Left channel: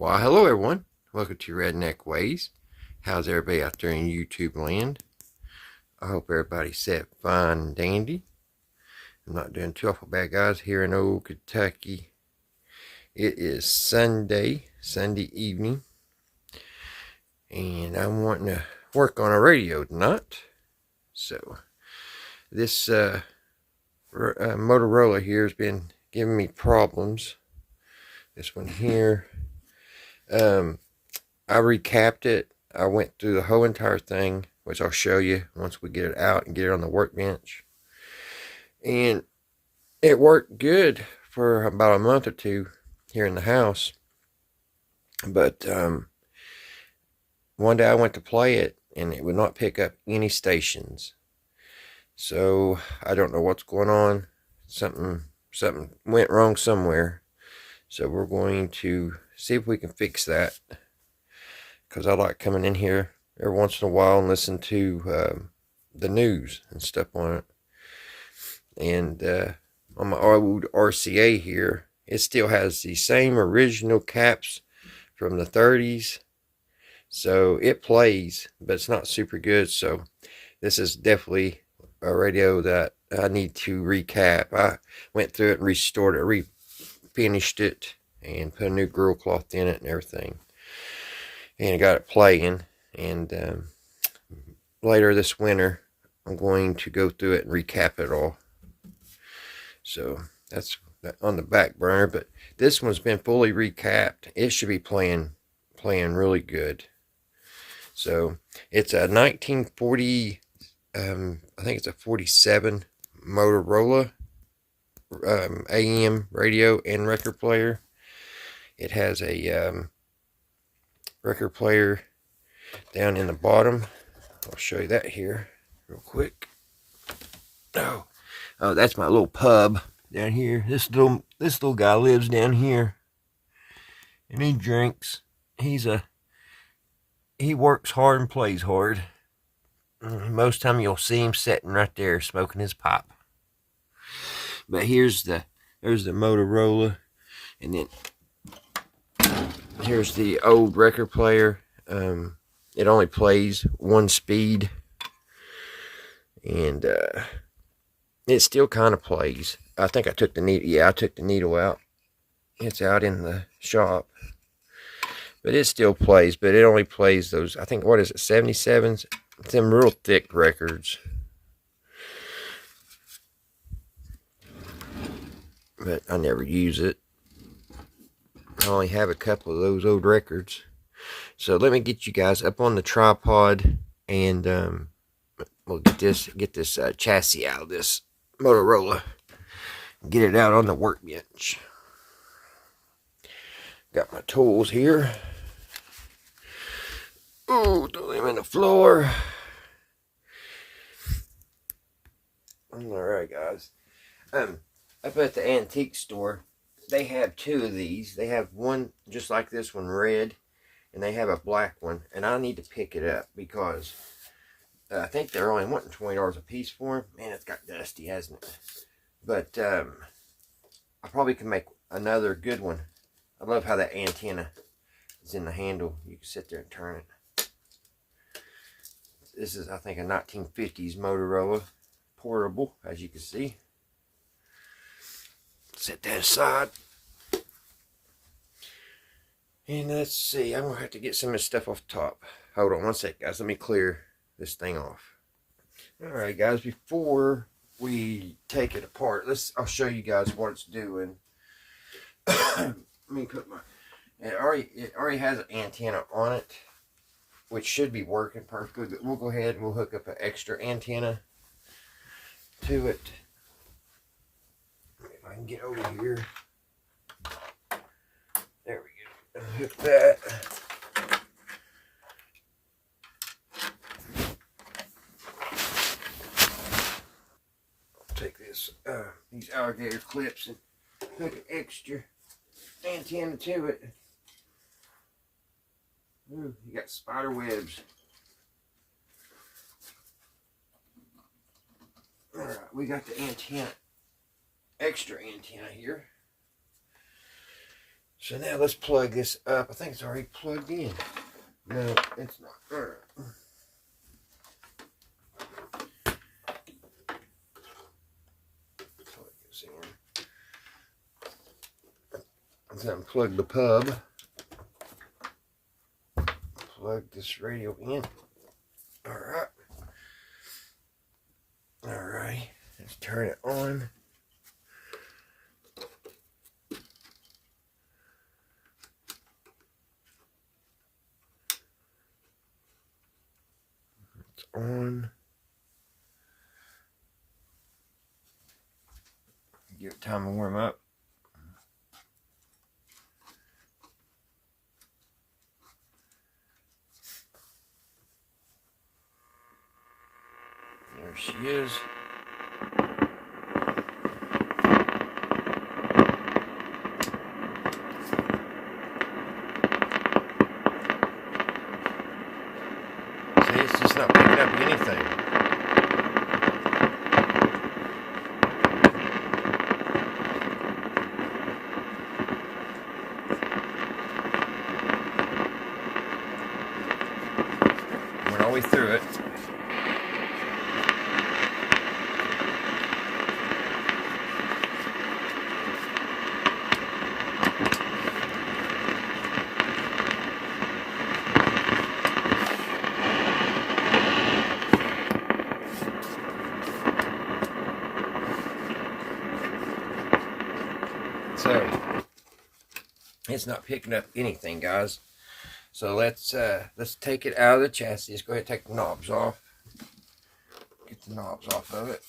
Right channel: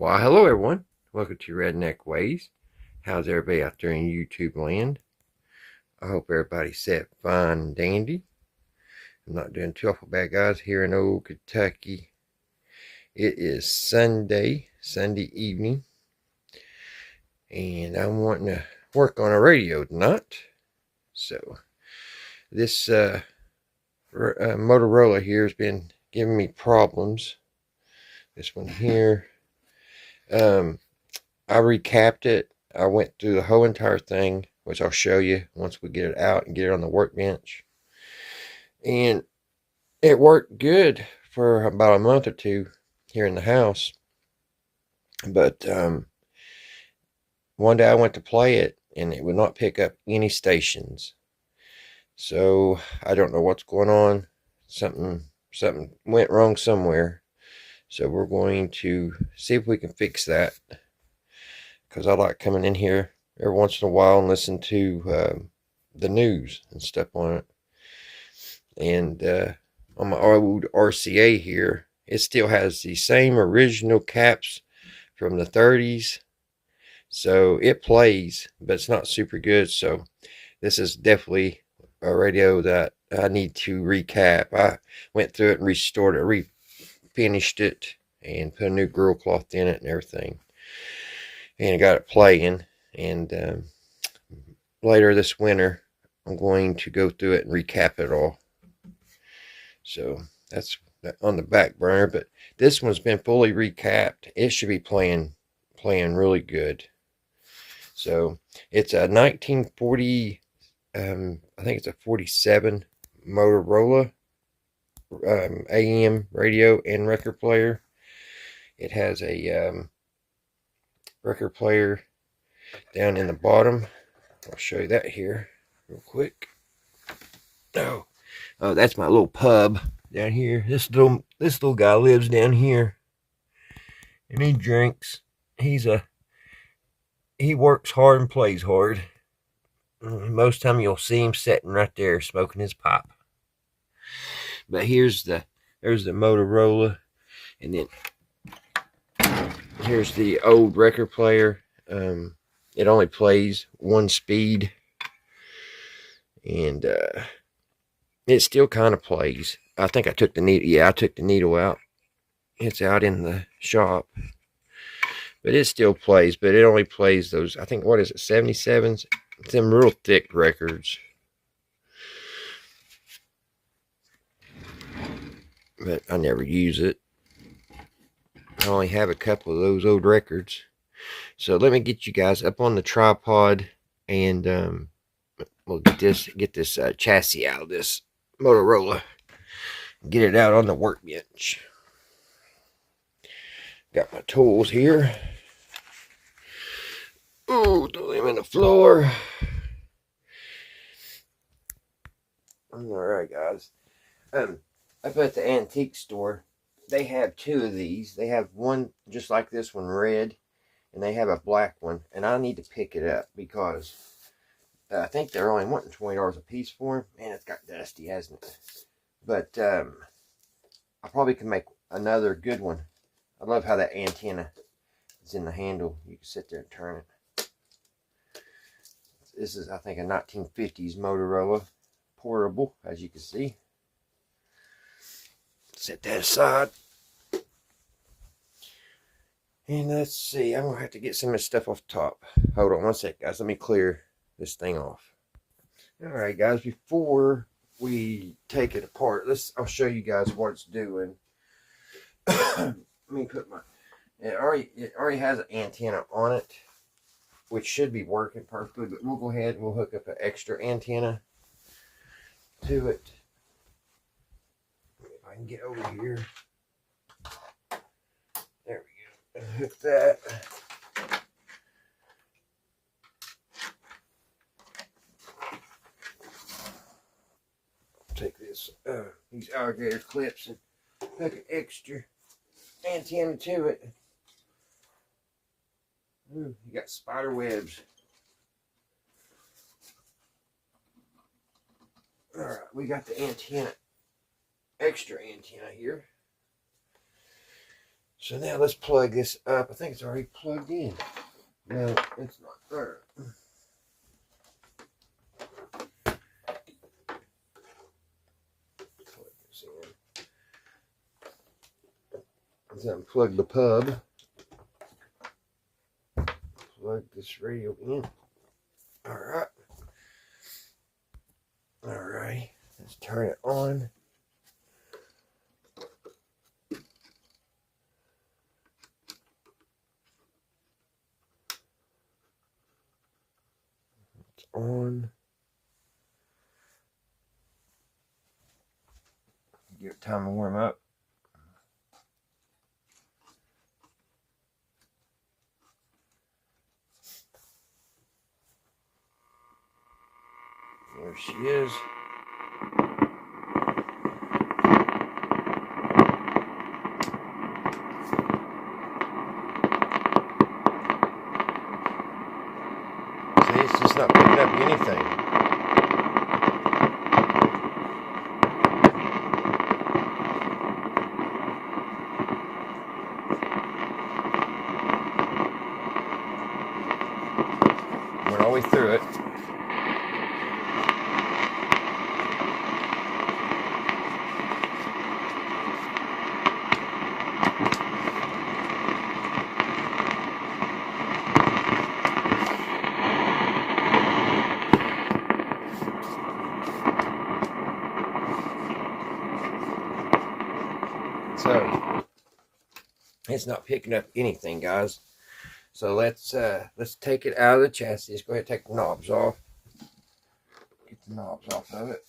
Well, hello everyone. Welcome to Redneck Ways. How's everybody out there in YouTube land? I hope everybody's set fine and dandy. I'm not doing too awful bad, guys, here in old Kentucky. It is Sunday evening, and I'm wanting to work on a radio tonight. So, this Motorola here has been giving me problems. This one here. I recapped it. I went through the whole entire thing, which I'll show you once we get it out and get it on the workbench. And it worked good for about a month or two here in the house. But one day I went to play it and it would not pick up any stations. So I don't know what's going on. Something went wrong somewhere. So we're going to see if we can fix that, because I like coming in here every once in a while and listen to the news and stuff on it. And on my old RCA here, it still has the same original caps from the 30s. So it plays, but it's not super good. So this is definitely a radio that I need to recap. I went through it and restored it, refinished it, and put a new grill cloth in it and everything. And I got it playing. And later this winter, I'm going to go through it and recap it all. So that's on the back burner. But this one's been fully recapped. It should be playing really good. So it's a 1940, I think it's a 47 Motorola AM radio and record player. It has a record player down in the bottom. I'll show you that here real quick. Oh, that's my little pub down here. This little guy lives down here, and he drinks. He works hard and plays hard. Most time you'll see him sitting right there smoking his pipe. But there's the Motorola, and then here's the old record player. It only plays one speed, and it still kind of plays. I think I took the needle. Yeah, I took the needle out. It's out in the shop, but it still plays. But it only plays those, I think, what is it, 77s? Them real thick records. But I never use it. I only have a couple of those old records. So let me get you guys up on the tripod, and we'll get this chassis out of this Motorola. Get it out on the workbench. Got my tools here. Ooh, throw them in the floor. Alright, guys. Up at the antique store, they have two of these. They have one just like this one, red, and they have a black one. And I need to pick it up because I think they're only wanting $20 a piece for them. Man, it's got dusty, hasn't it? But I probably can make another good one. I love how that antenna is in the handle. You can sit there and turn it. This is, I think, a 1950s Motorola portable, as you can see. Set that aside. And let's see, I'm going to have to get some of this stuff off the top. Hold on one sec, guys. Let me clear this thing off. Alright, guys, before we take it apart, I'll show you guys what it's doing. Let me put my... It already has an antenna on it, which should be working perfectly, but we'll go ahead and we'll hook up an extra antenna to it. If I can get over here. There we go. Hook that. I'll take these alligator clips and hook an extra antenna to it. Ooh, you got spider webs. Alright, we got the antenna, extra antenna here. So now let's plug this up. I think it's already plugged in. No, it's not. All right. Plug this in. Let's unplug the pub. Plug this radio in. All right. All right. Let's turn it on. It's on. Give it time to warm up. There she is. See, it's just not picking up anything. Went all the way through it. So it's not picking up anything, guys. So let's take it out of the chassis. Let's go ahead and take the knobs off. Get the knobs off of it.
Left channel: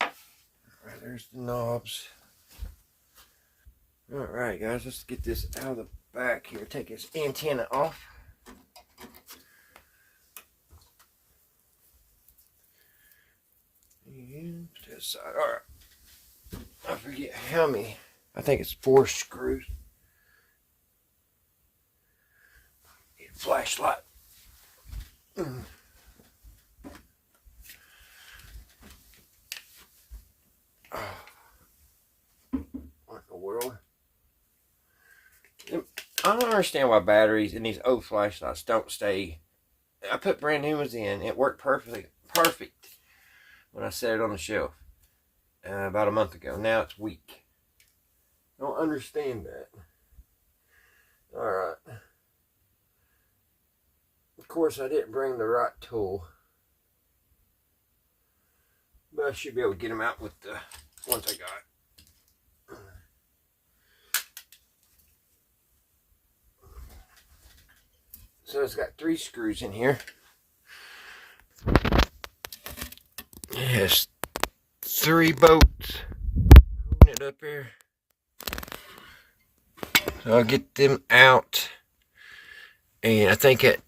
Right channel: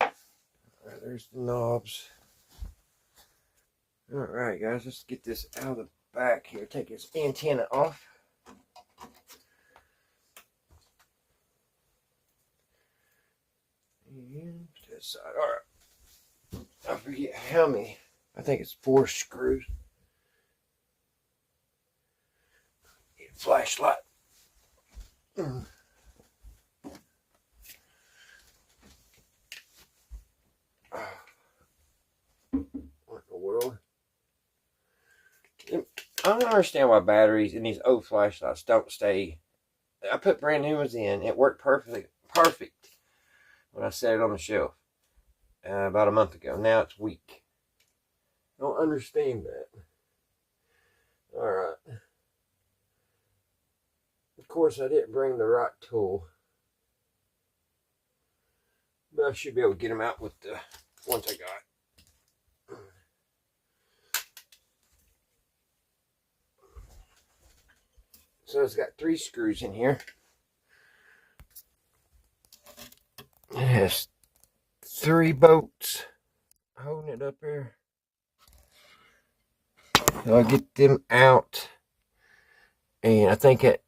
All right, there's the knobs. All right, guys, let's get this out of the back here. Take this antenna off. And to the side. All right. I forget how many. I think it's 4 screws. Need a flashlight. What in the world? I don't understand why batteries in these old flashlights don't stay. I put brand new ones in. It worked perfect when I set it on the shelf about a month ago. Now it's weak. I don't understand that. All right. Of course, I didn't bring the right tool, but I should be able to get them out with the ones I got. So it's got 3 screws in here. It has 3 bolts holding it up here. So I'll get them out. And I think that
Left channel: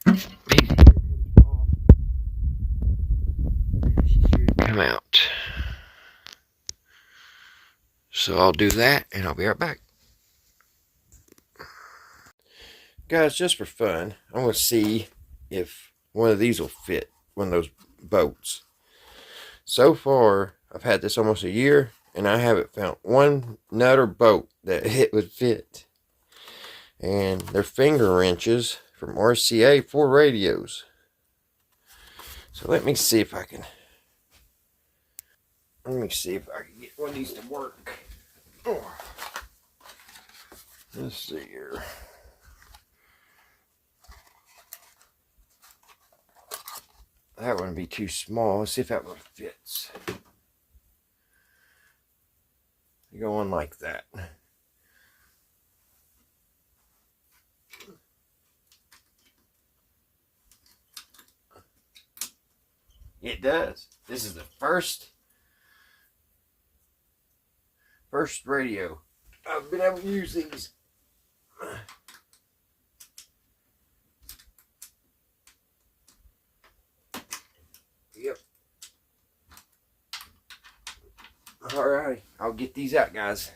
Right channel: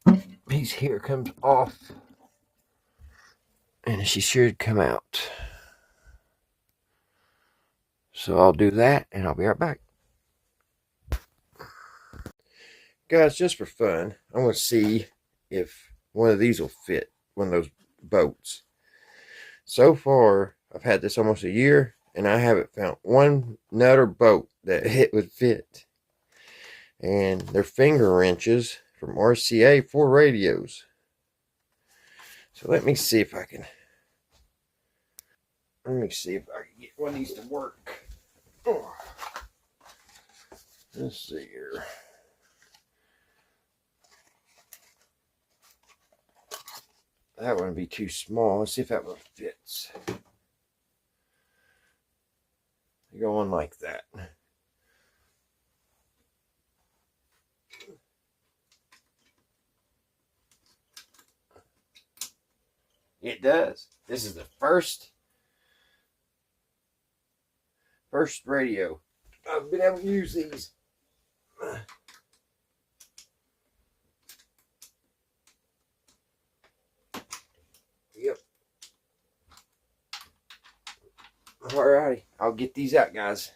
piece here comes off. And she should come out. So I'll do that and I'll be right back. Guys, just for fun, I'm going to see if one of these will fit, one of those bolts. So far, I've had this almost a year, and I haven't found one nut or bolt that it would fit. And they're finger wrenches from RCA for radios. So let me see if I can get one of these to work. Let's see here. That one would be too small. Let's see if that one fits. You go on like that. It does. This is the first radio I've been able to use these. Yep. Alrighty, I'll get these out, guys,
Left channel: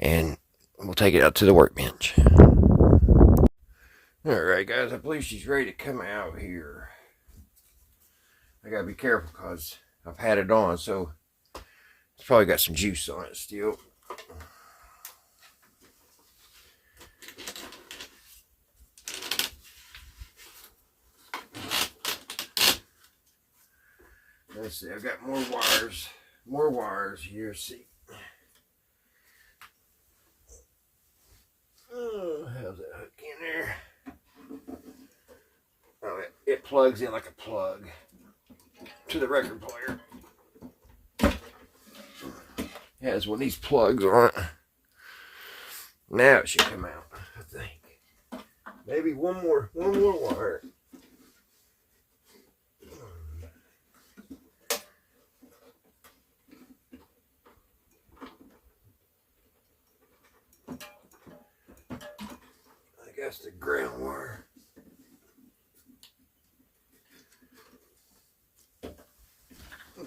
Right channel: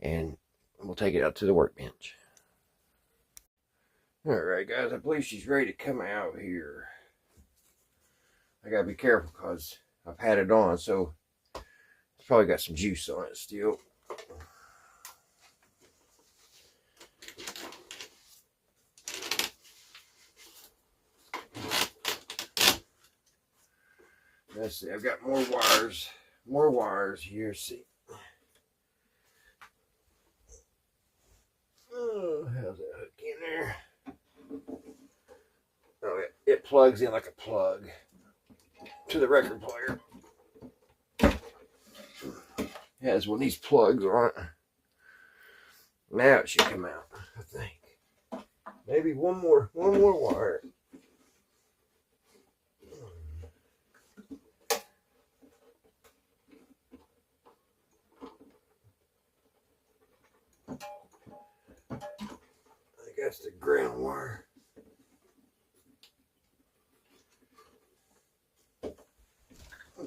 and we'll take it out to the workbench. Alright, guys, I believe she's ready to come out here. I gotta be careful because I've had it on, so it's probably got some juice on it still. Let's see, I've got more wires here. See, oh, how's that hook in there? Oh, it plugs in like a plug to the record player. It has one of these plugs on it. Now it should come out, I think. Maybe one more wire. I guess the ground wire.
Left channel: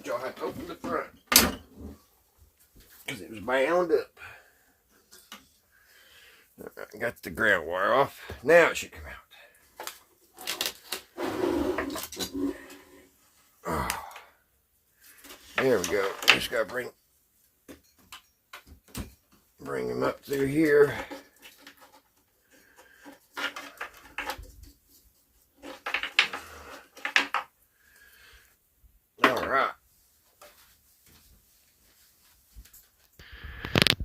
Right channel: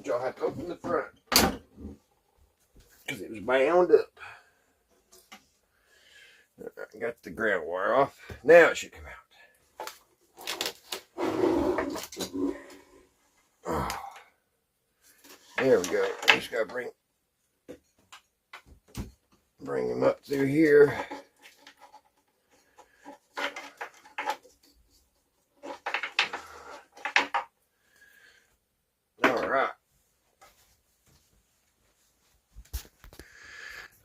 Y'all have to open the front because it was bound up. I got the ground wire off. Now it should come out. Oh, there we go. Just gotta bring them up through here. All right.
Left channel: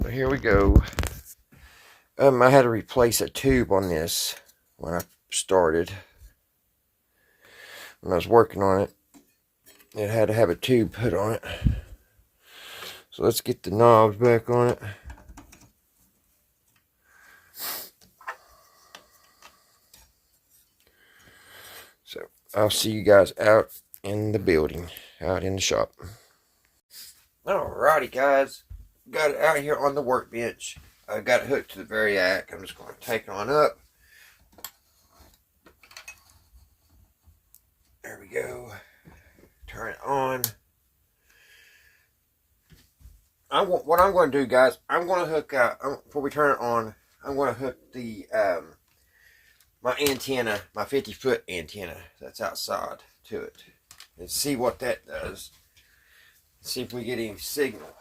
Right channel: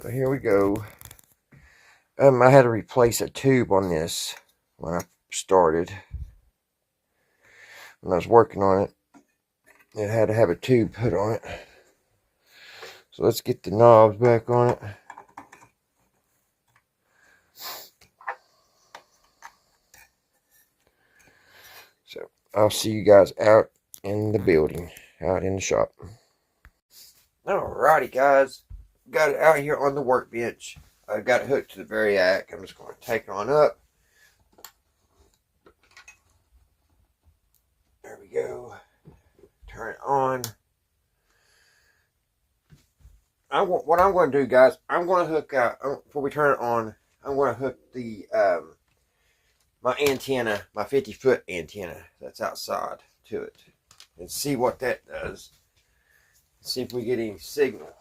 So here we go. I had to replace a tube on this when I started. When I was working on it, it had to have a tube put on it. So let's get the knobs back on it. So I'll see you guys out in the building, out in the shop. Alrighty guys, got it out here on the workbench. I got it hooked to the variac. I'm just going to take it on up. There we go. Turn it on. What I'm going to do, guys, I'm going to hook out, before we turn it on, I'm going to hook the my antenna, my 50-foot antenna that's outside to it, and see what that does. See if we get any signal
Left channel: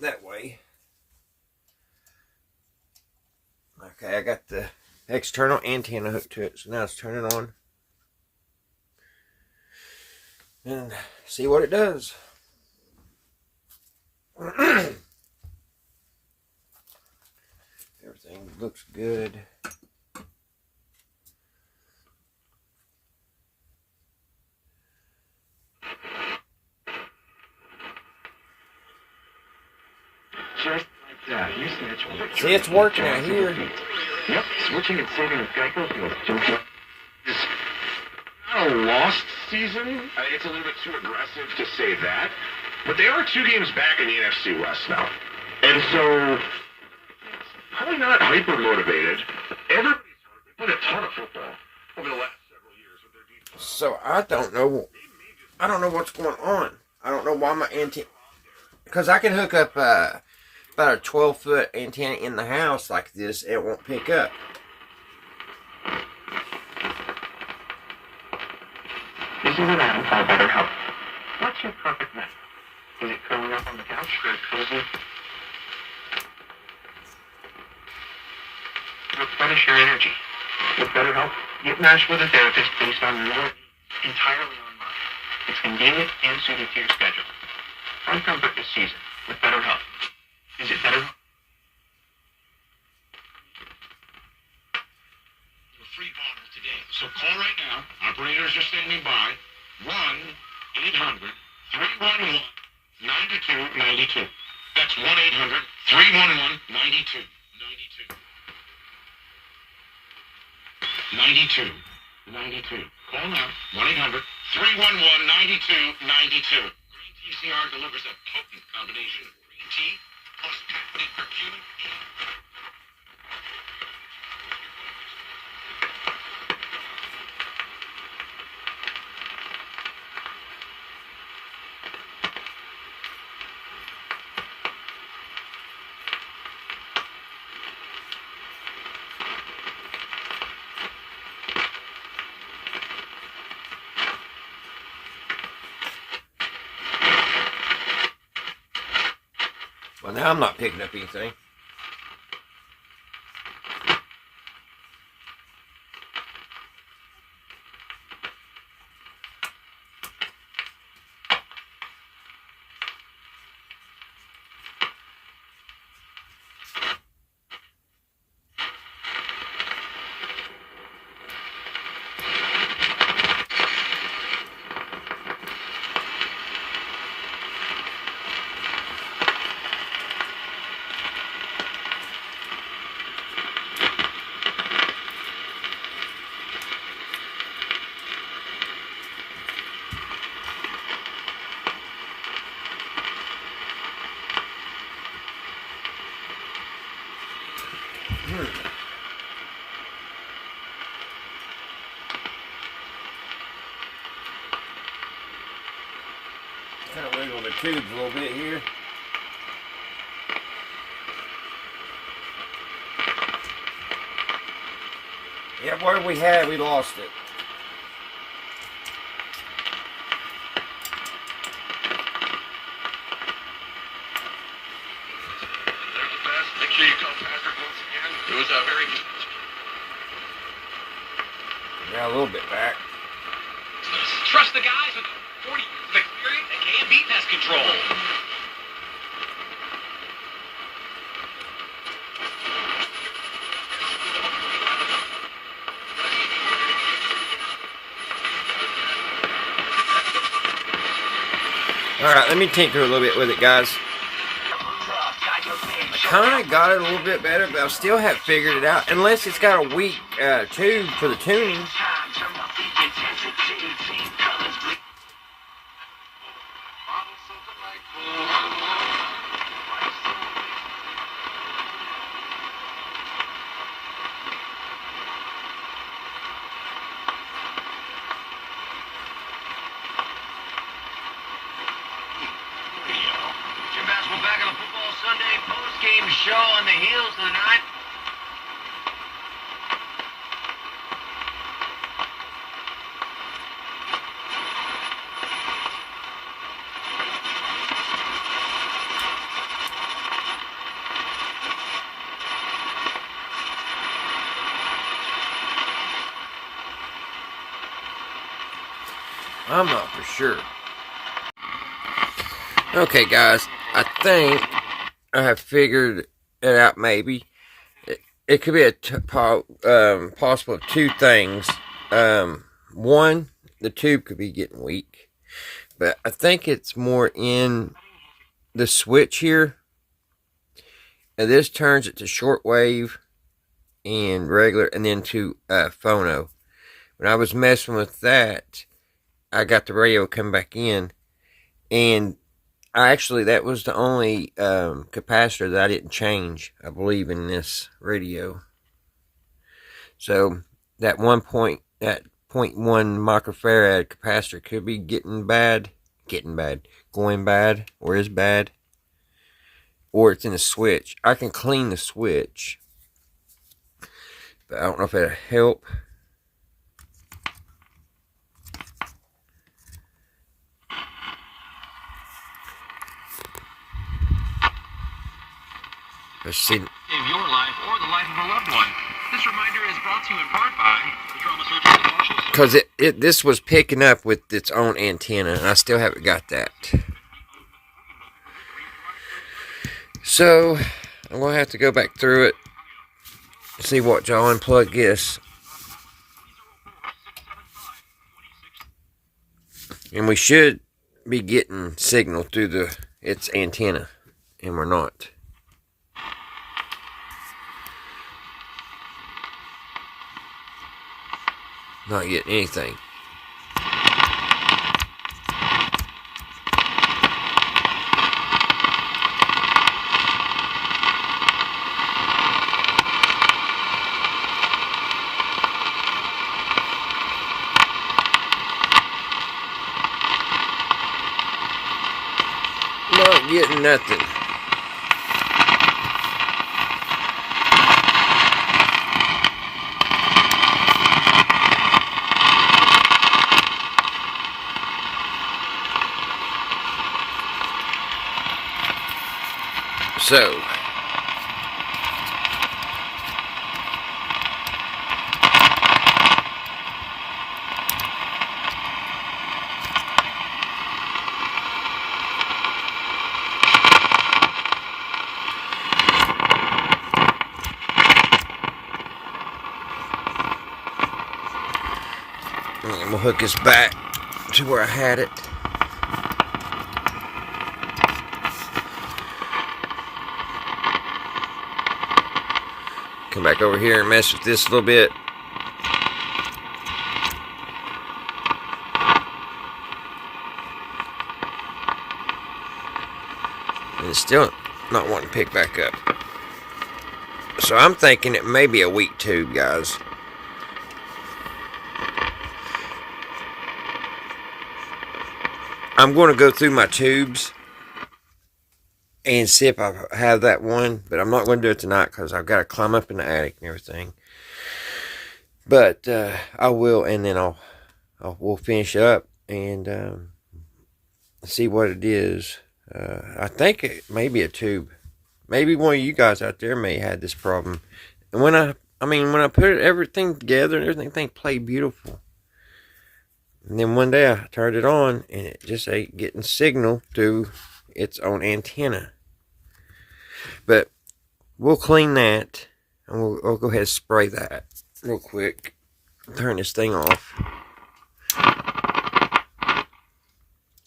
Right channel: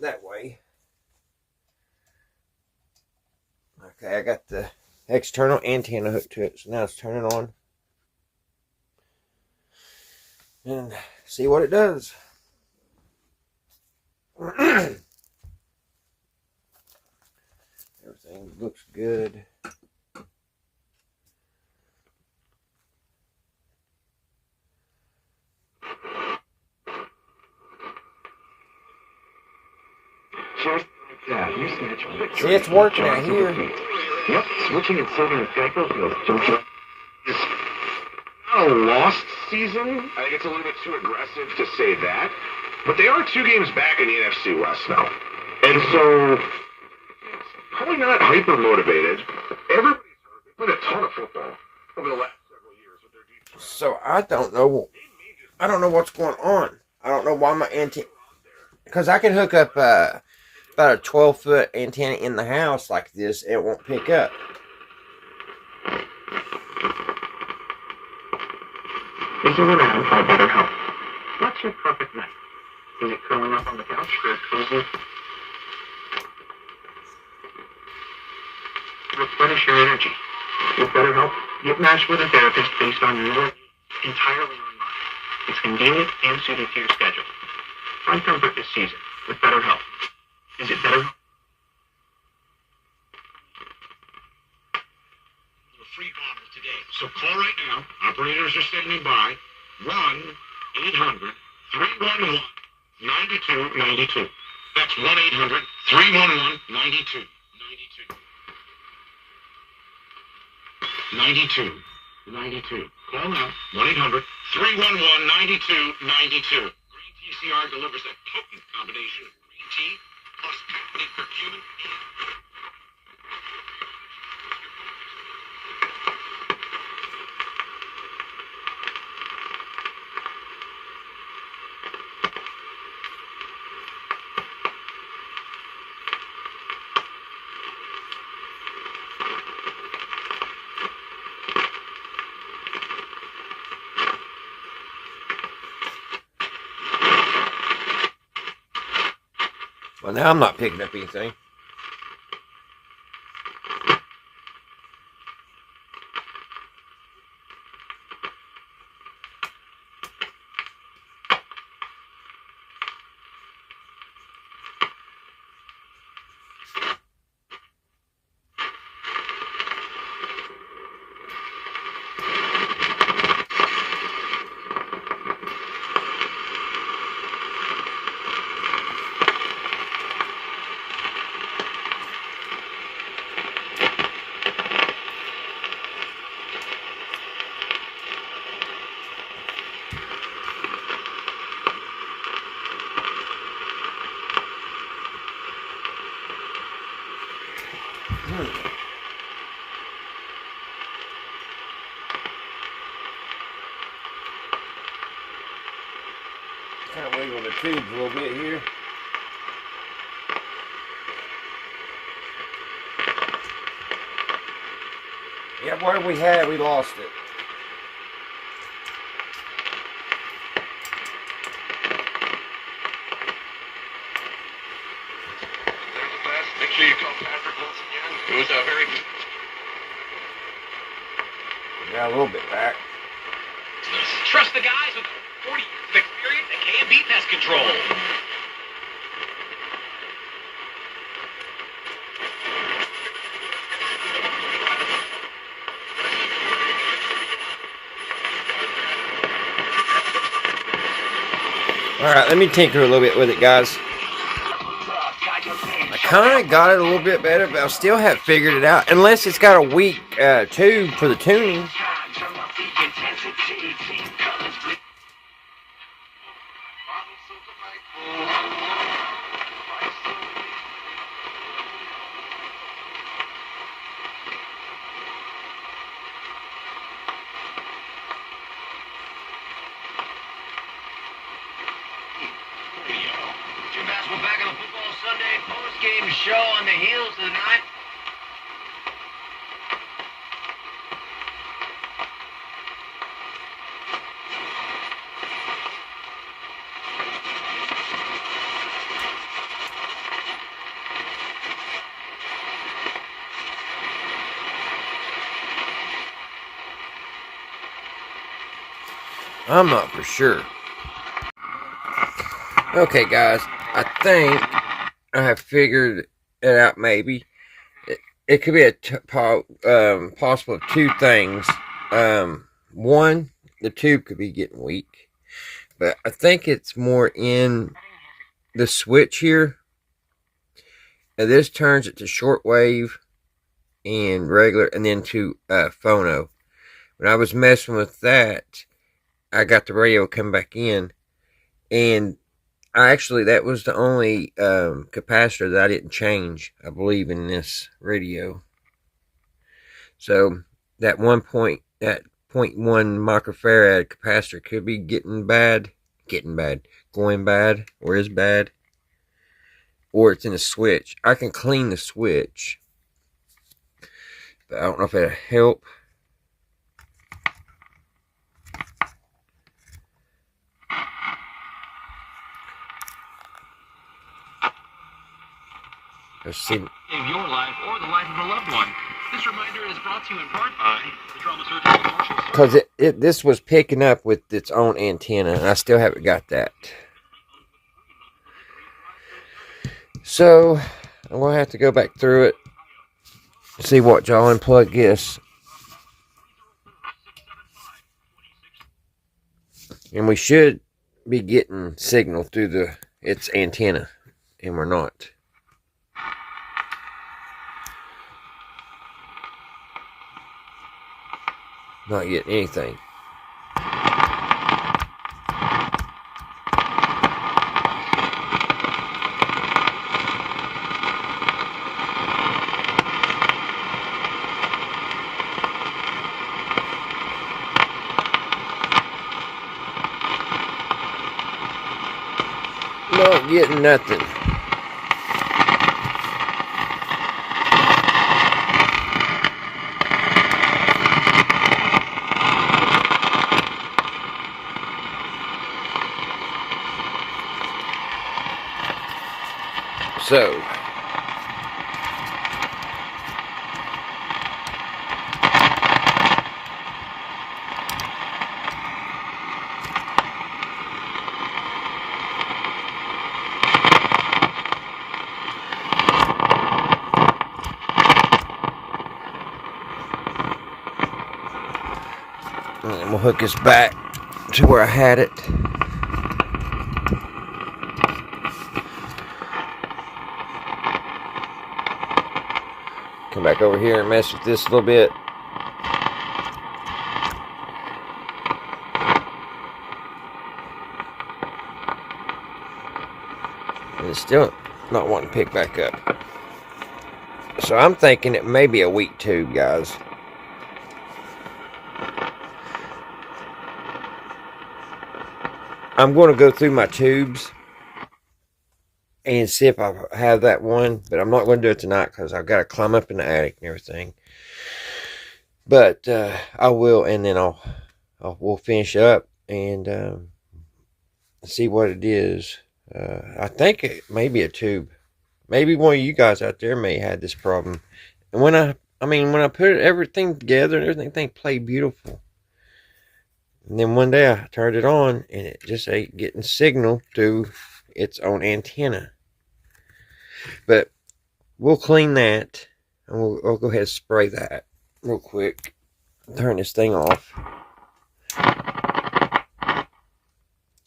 that way. Okay, I got the external antenna hooked to it, so now let's turn it on and see what it does. Everything looks good. See, it's working out here. Yep, switching and saving with Geico feels is not a lost season. I think it's a little bit too aggressive to say that. But they are 2 games back in the NFC West now. And so, probably not hyper motivated. Everybody's played a ton of football over the last several years with their defense. So I don't know what's going on. I don't know why my antenna, because I can hook up about a 12-foot antenna in the house like this, and it won't pick up. This is an ad for better help. What's your perfect night? Is it curling up on the couch or cozy? Replenish your energy. With BetterHelp, get matched with a therapist based on your entirely online. It's convenient and suited to your schedule. Find comfort this season with BetterHelp. Is it BetterHelp? A free bottle today. So call right now. Operators are standing by. 1-800-311-9292. That's 1-800-311-9292. 92. Call now. 1-800-311-9292. Green TCR delivers a potent combination of green tea plus patented curcumin. Well, now I'm not picking up anything. Kind of wiggle the tubes a little bit here. Yeah, where we had, we lost it. They're the best. Make sure you call Patrick once again. It was a very... Yeah, a little bit back. Trust the guys with 40 years of experience at K&B Pest Control. Alright, let me tinker a little bit with it, guys. I kind of got it a little bit better, but I still haven't figured it out. Unless it's got a weak tube for the tuning. We're back on the Football Sunday post-game show on the heels of the night. I'm not for sure. Okay, guys, I think I have figured it out. Maybe it could be a possible of two things. One, the tube could be getting weak, but I think it's more in the switch here. Now this turns it to shortwave and regular, and then to phono. When I was messing with that, I got the radio come back in, and actually, that was the only capacitor that I didn't change, I believe, in this radio. So that 0.1 microfarad capacitor could be going bad, or is bad, or it's in the switch. I can clean the switch, but I don't know if it'll help. Let's see. Save your life or the life of a loved one. This reminder is brought to you in part by the Trauma Surgical Commercial. Because this was picking up with its own antenna, and I still haven't got that. So I'm gonna have to go back through it, see what y'all unplug this, and we should be getting signal through its antenna, and we're not. Not getting anything. Not getting nothing. So, I'm gonna hook this back to where I had it. Come back over here and mess with this a little bit. And it's still not wanting to pick back up. So I'm thinking it may be a weak tube, guys. I'm going to go through my tubes and see if I have that one, but I'm not going to do it tonight because I've got to climb up in the attic and everything. But I will, and then we'll finish up and see what it is. I think it may be a tube. Maybe one of you guys out there may have this problem. And when I put everything together and everything played beautiful. And then one day I turned it on and it just ain't getting signal to its own antenna. But we'll clean that and we'll go ahead and spray that real quick. Turn this thing off.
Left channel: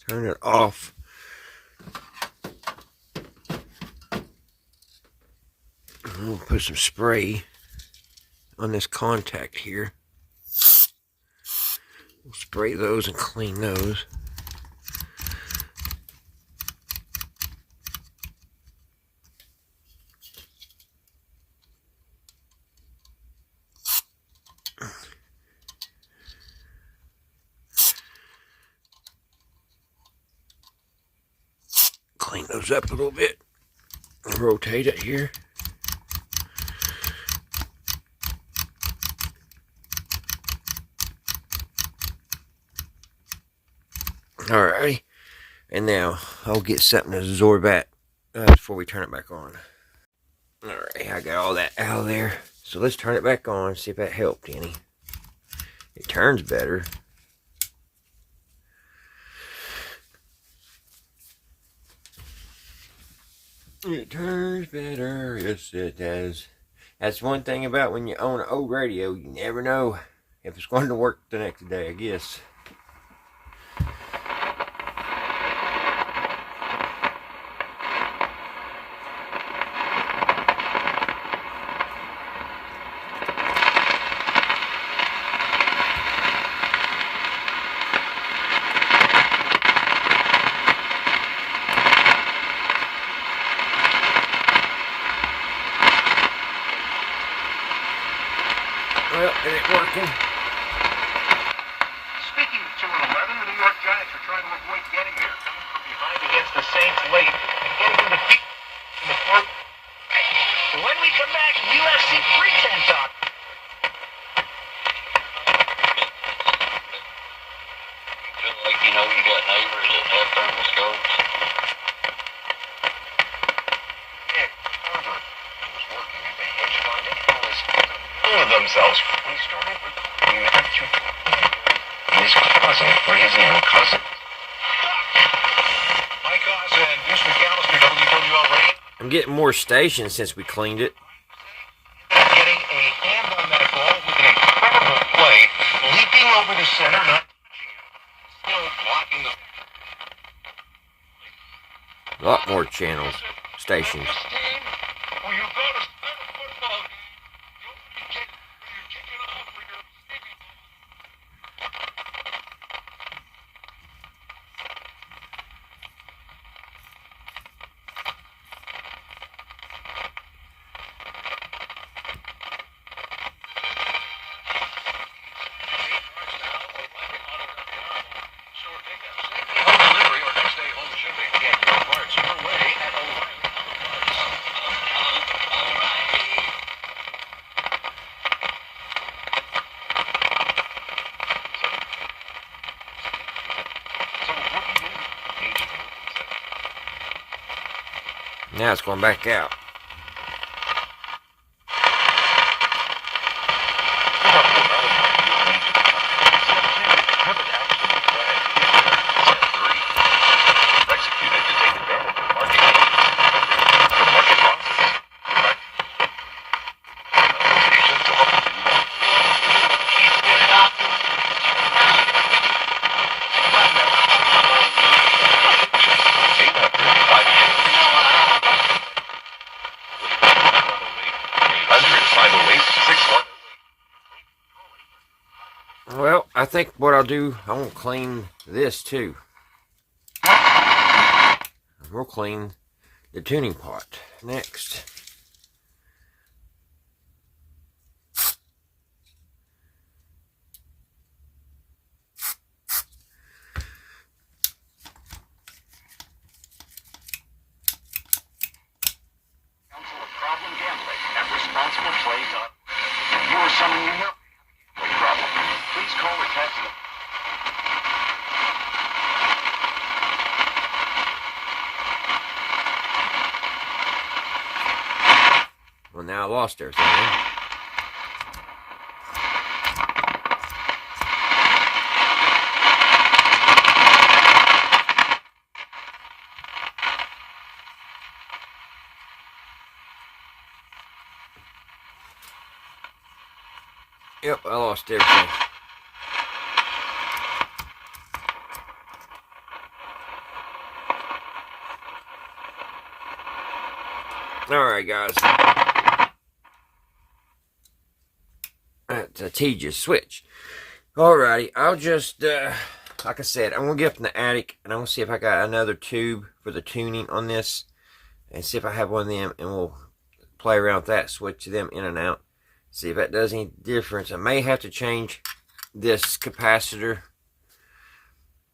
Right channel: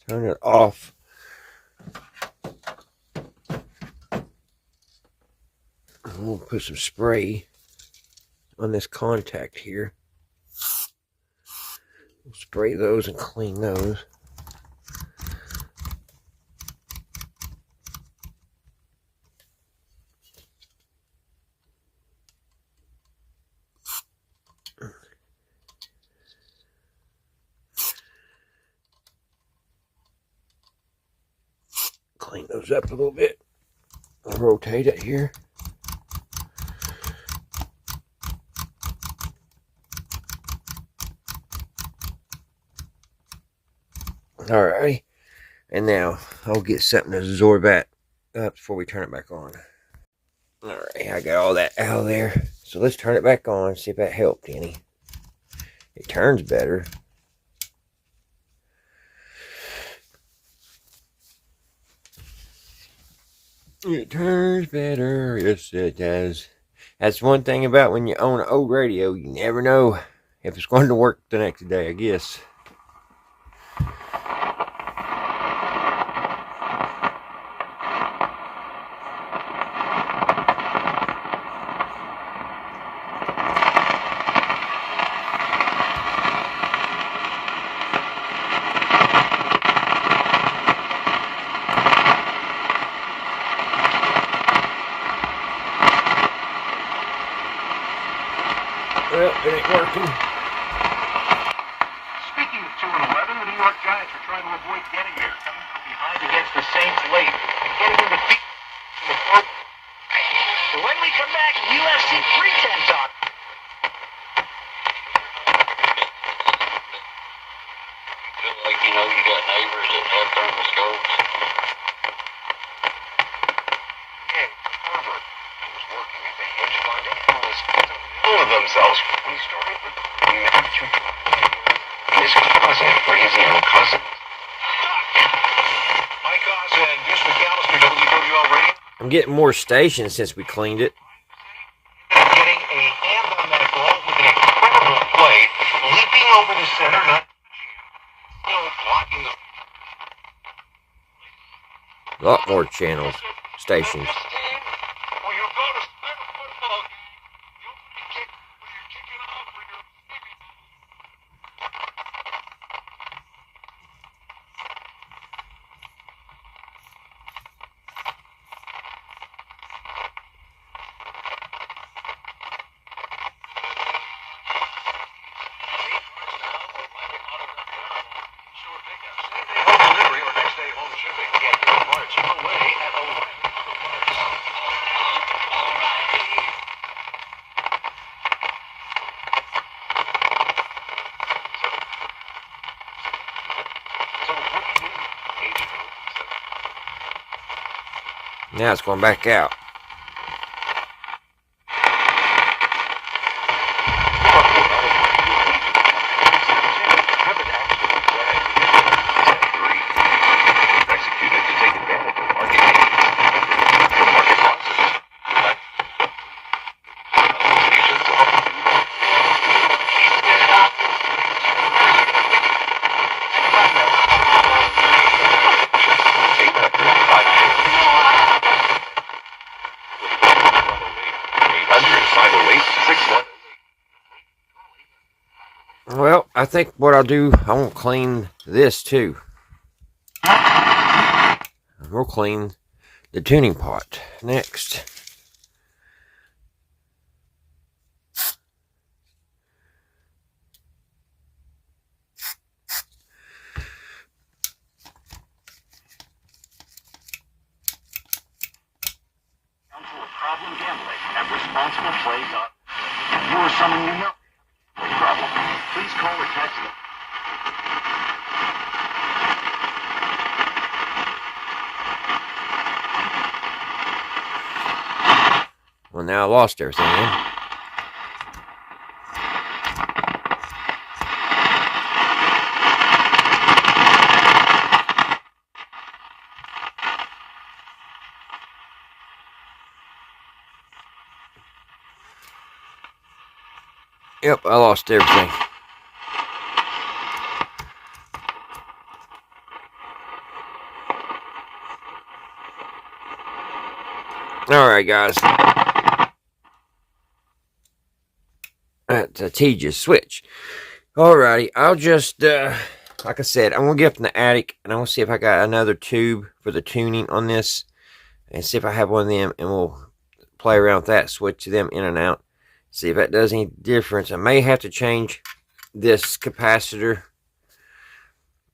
Turn it off. We'll put some spray on this contact here. We'll spray those and clean those. Clean those up a little bit. Rotate it here. Alright, and now I'll get something to absorb that before we turn it back on. Alright, I got all that out of there. So let's turn it back on, see if that helped any. It turns better. It turns better, yes it does. That's one thing about when you own an old radio, you never know if it's going to work the next day, I guess. Well, it ain't working. Speaking of 2 and 11, the New York Giants are trying to avoid getting there, coming from behind against the Saints late and getting to the feet in the fourth. When we come back, UFC 310 talk. Feel like you know you got neighbors that have thermoscopes. Ed Herbert was working at the hedge fund analyst of themselves. We started with Matthew and his cousin, crazy old cousin. Mike Oz and Deuce McAllister, WWL Radio. I'm getting more stations since we cleaned it. Getting a hand on that ball with an incredible play, leaping over the center, not touching it. Still blocking the... A lot more channels, stations. Well, you go to start a football game, the opening kick when you're kicking off for your baby. Home delivery or next day home shipping. Get your parts away at O'Reilly Auto Parts. Now it's going back out. Well, I think what I'll do, I won't clean this too. We'll clean the tuning pot next. Council of Problem Gambling at ResponsiblePlay.com. If you or someone you know has a problem, please call or text them. Well, now I lost everything. Yep, I lost everything. Alright, guys. That's a tedious switch. Alrighty, I'll just, like I said, I'm going to get up in the attic, and I'm going to see if I got another tube for the tuning on this, and see if I have one of them, and we'll play around with that, switch them in and out, see if that does any difference. I may have to change this capacitor,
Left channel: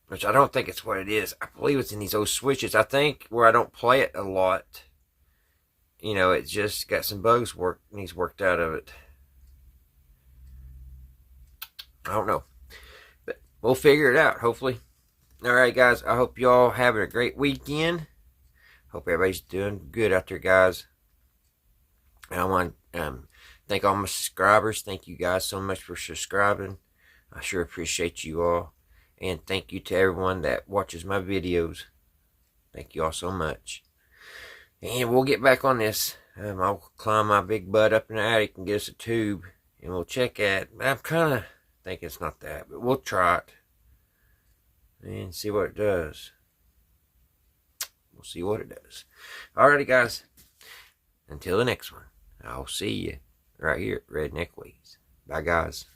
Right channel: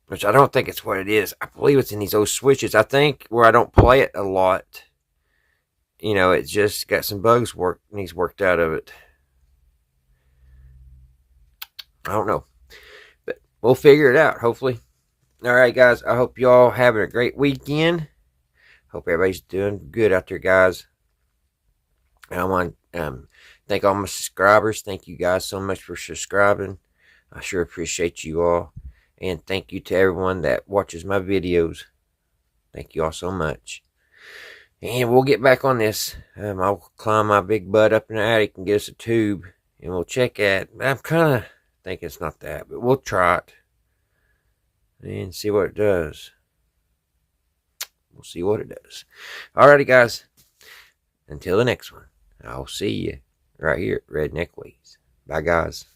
which I don't think it's what it is. I believe it's in these old switches. I think where I don't play it a lot, you know, it's just got some bugs needs worked out of it. I don't know, but we'll figure it out, hopefully. Alright, guys, I hope y'all having a great weekend. Hope everybody's doing good out there, guys. I want to thank all my subscribers. Thank you guys so much for subscribing. I sure appreciate you all. And thank you to everyone that watches my videos. Thank you all so much. And we'll get back on this. I'll climb my big butt up in the attic and get us a tube. And we'll check it. I'm kind of thinking it's not that, but we'll try it. And see what it does. We'll see what it does. Alrighty, guys. Until the next one, I'll see you right here at Redneck Ways. Bye, guys.